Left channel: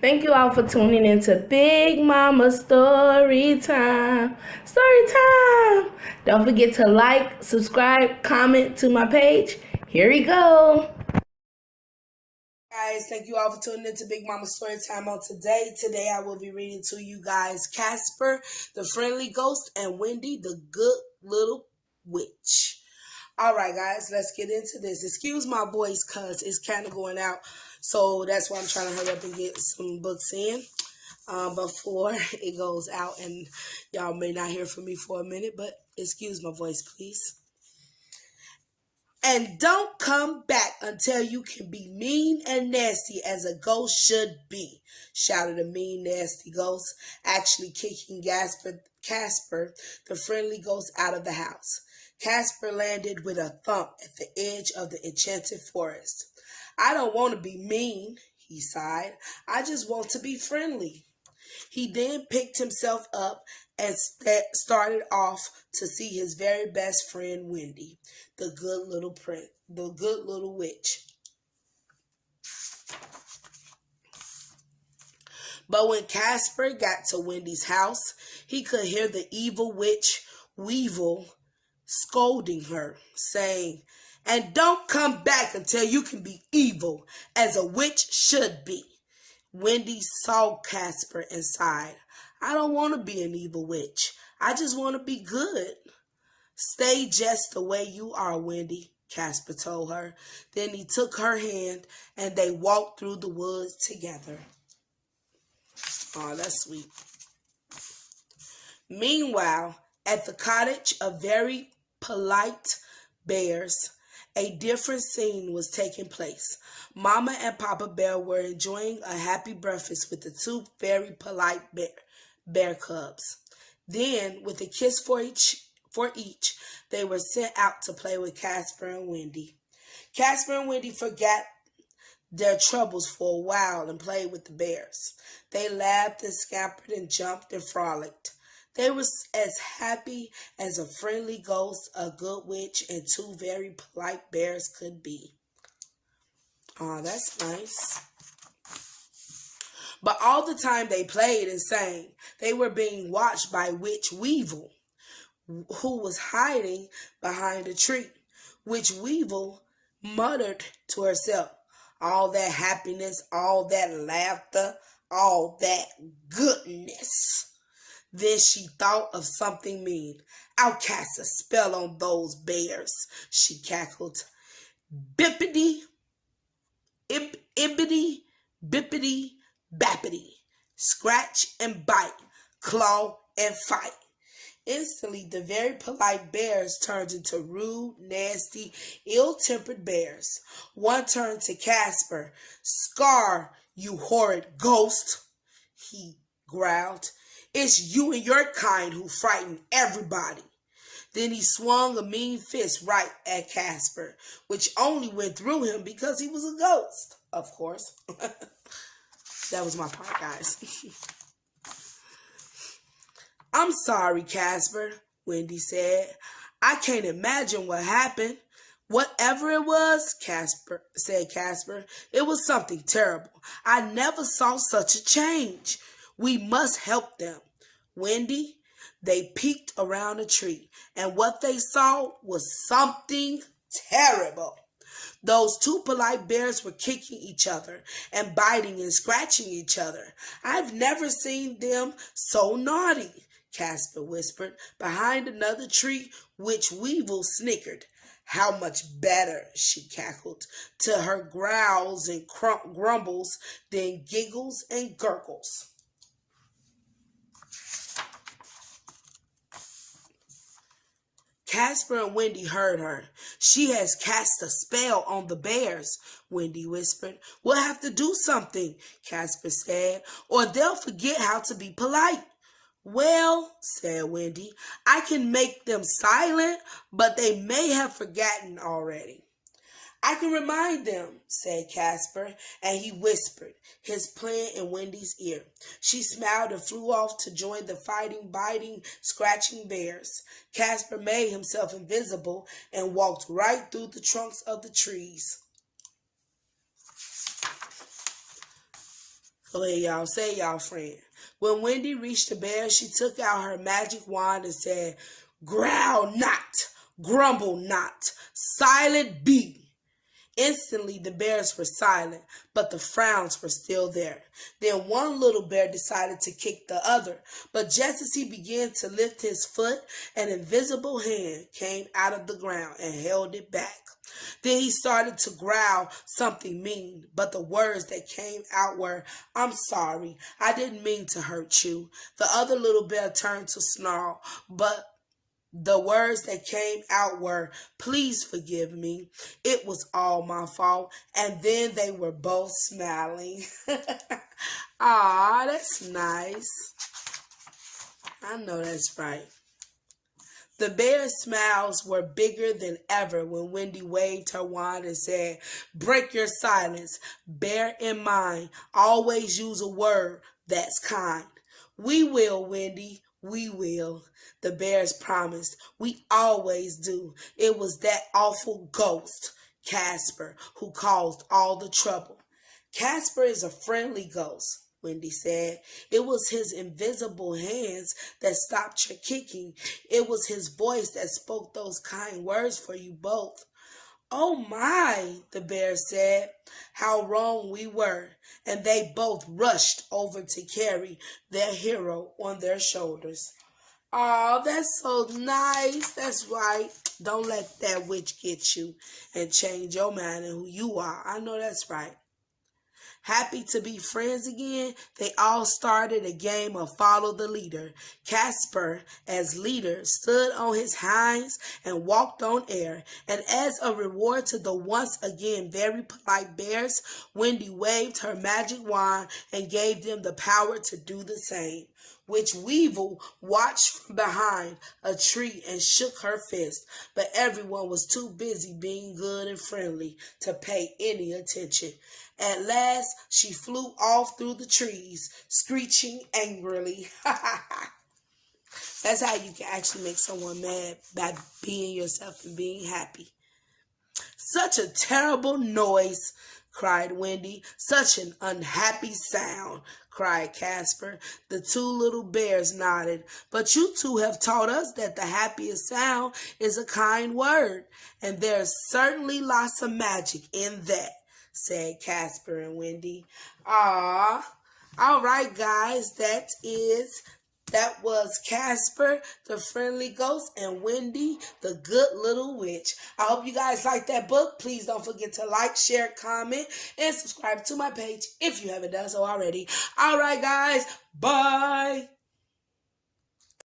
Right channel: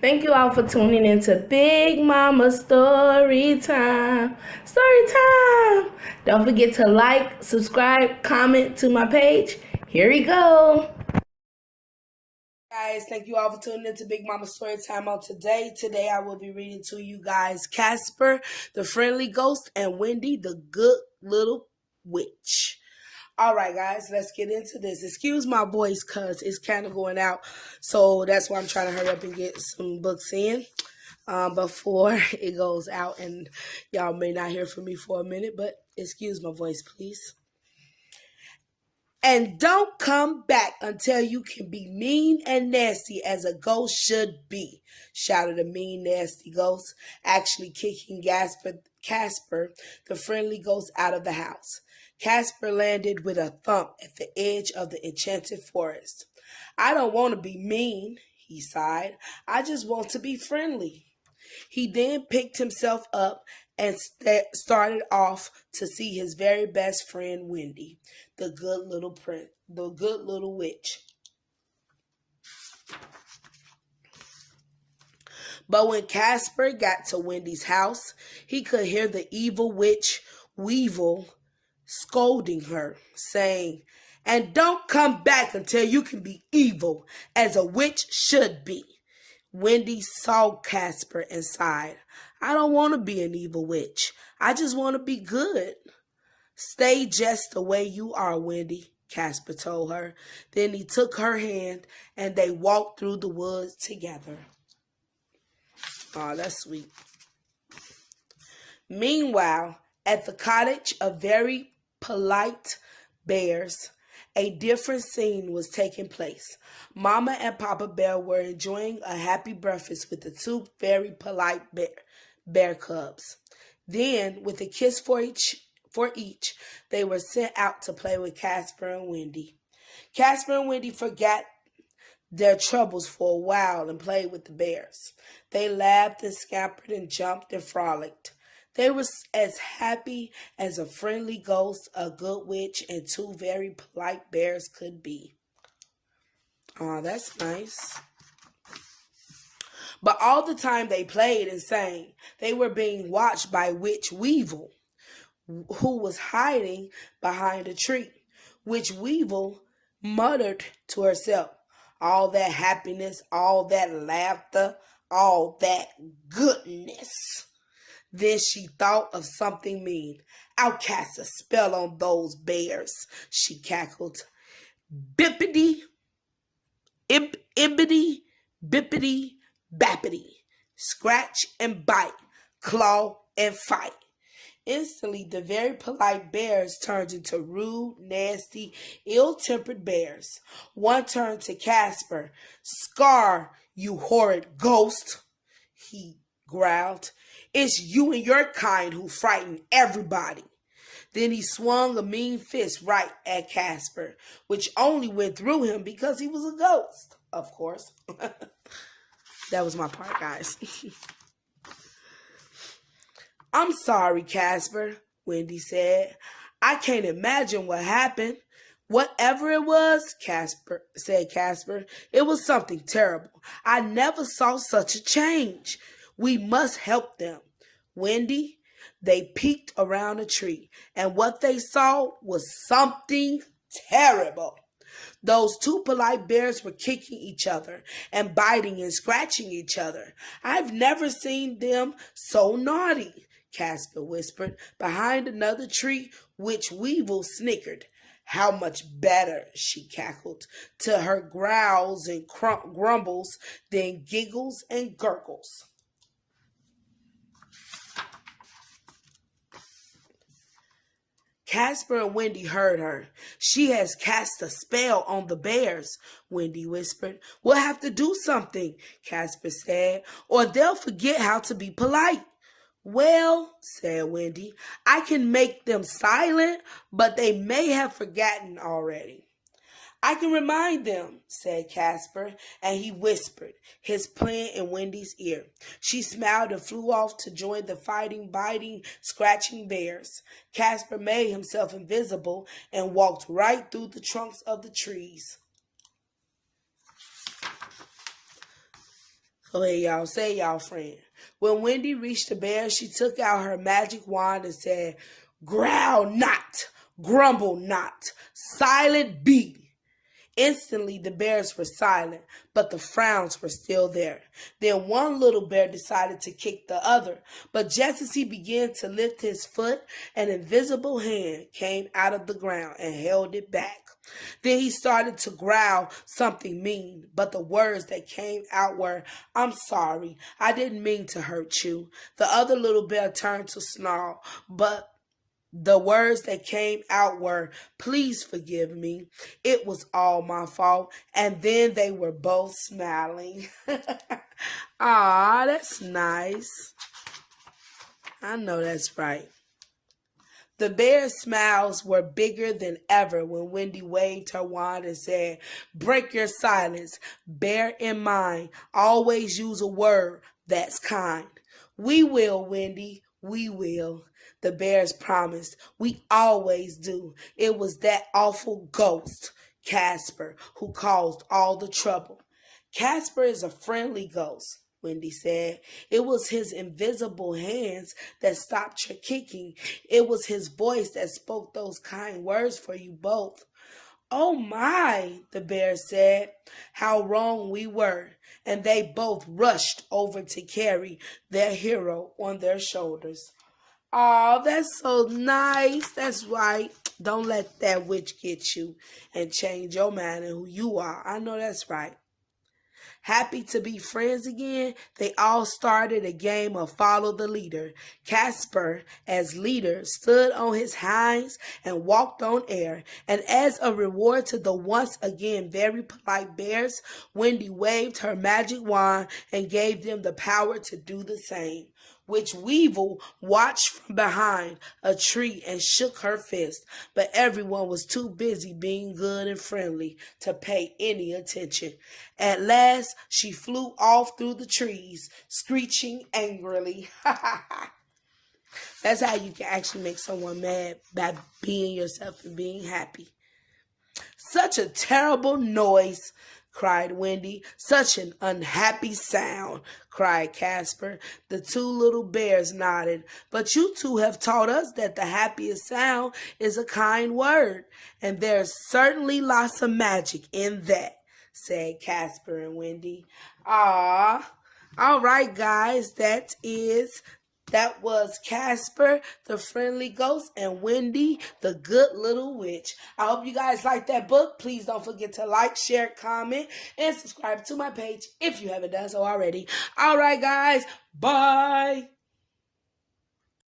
Thank you all for tuning into Big Mama Story Time. Story Time! Don't forget to like, subscribe, comment to my page. Here we go. Guys, thank you all for tuning into Big Mama Story Time on today. Today I will be reading to you guys Casper, the friendly ghost, and Wendy, the good little witch. All right, guys, let's get into this. Excuse my voice because it's kind of going out. So that's why I'm trying to hurry up and get some books in before it goes out. And y'all may not hear from me for a minute, but excuse my voice, please. And don't come back until you can be mean and nasty as a ghost should be, shouted a mean, nasty ghost, actually kicking Casper, the friendly ghost, out of the house. Casper landed with a thump at the edge of the enchanted forest. I don't want to be mean, he sighed. I just want to be friendly. He then picked himself up and started off to see his very best friend Wendy, the good little witch. But when Casper got to Wendy's house, he could hear the evil witch Weevil scolding her, saying, "And don't come back until you can be evil, as a witch should be." Wendy saw Casper and sighed. I don't want to be an evil witch. I just want to be good. Stay just the way you are, Wendy, Casper told her. Then he took her hand and they walked through the woods together. Oh, that's sweet. Meanwhile, at the cottage of very polite bears, a different scene was taking place. Mama and Papa Bear were enjoying a happy breakfast with the two very polite bear cubs. Then, with a kiss for each, they were sent out to play with Casper and Wendy. Casper and Wendy forgot their troubles for a while and played with the bears. They laughed and scampered and jumped and frolicked. They were as happy as a friendly ghost, a good witch, and two very polite bears could be. Oh, that's nice. But all the time they played and sang, they were being watched by Witch Weevil, who was hiding behind a tree. Witch Weevil muttered to herself, all that happiness, all that laughter, all that goodness. Then she thought of something mean. I'll cast a spell on those bears, she cackled. Bippity, ibbity, bippity, bappity. Scratch and bite, claw and fight. Instantly, the very polite bears turned into rude, nasty, ill-tempered bears. One turned to Casper. Scar, you horrid ghost, he growled. It's you and your kind who frighten everybody. Then he swung a mean fist right at Casper, which only went through him because he was a ghost, of course. That was my part, guys. I'm sorry, Casper, Wendy said. I can't imagine what happened. Whatever it was, said Casper, it was something terrible. I never saw such a change. We must help them. Wendy, they peeked around a tree, and what they saw was something terrible. Those two polite bears were kicking each other and biting and scratching each other. I've never seen them so naughty, Casper whispered. Behind another tree, Witch Weevil snickered. How much better, she cackled, to her growls and grumbles, then giggles and gurgles. Casper and Wendy heard her. She has cast a spell on the bears, Wendy whispered. We'll have to do something, Casper said, or they'll forget how to be polite. Well, said Wendy, I can make them silent, but they may have forgotten already. I can remind them, said Casper, and he whispered, his plan in Wendy's ear. She smiled and flew off to join the fighting, biting, scratching bears. Casper made himself invisible and walked right through the trunks of the trees. Go ahead, y'all. Say y'all friend. When Wendy reached the bear, she took out her magic wand and said, "Growl not, grumble not, silent be." Instantly, the bears were silent, but the frowns were still there. Then one little bear decided to kick the other, but just as he began to lift his foot, an invisible hand came out of the ground and held it back. Then he started to growl something mean, but the words that came out were, "I'm sorry, I didn't mean to hurt you." The other little bear turned to snarl, but the words that came out were, "Please forgive me. It was all my fault." And then they were both smiling. Ah, that's nice. I know that's right. The bear's smiles were bigger than ever when Wendy waved her wand and said, "Break your silence. Bear in mind, always use a word that's kind." "We will, Wendy. We will." The bears promised. "We always do. It was that awful ghost, Casper, who caused all the trouble." "Casper is a friendly ghost," Wendy said. "It was his invisible hands that stopped your kicking. It was his voice that spoke those kind words for you both." "Oh my," the bear said, "how wrong we were." And they both rushed over to carry their hero on their shoulders. Oh, that's so nice. That's right. Don't let that witch get you and change your mind and who you are. I know that's right. Happy to be friends again, they all started a game of follow the leader. Casper, as leader, stood on his hinds and walked on air. And as a reward to the once again very polite bears, Wendy waved her magic wand and gave them the power to do the same. Witch Weevil watched from behind a tree and shook her fist, but everyone was too busy being good and friendly to pay any attention. At last, she flew off through the trees, screeching angrily. That's how you can actually make someone mad, by being yourself and being happy. "Such a terrible noise," cried Wendy. "Such an unhappy sound," cried Casper. The two little bears nodded. "But you two have taught us that the happiest sound is a kind word, and there's certainly lots of magic in that," said Casper and Wendy. Ah, all right, guys, that was Casper, the friendly ghost, and Wendy, the good little witch. I hope you guys like that book. Please don't forget to like, share, comment, and subscribe to my page if you haven't done so already. All right, guys. Bye.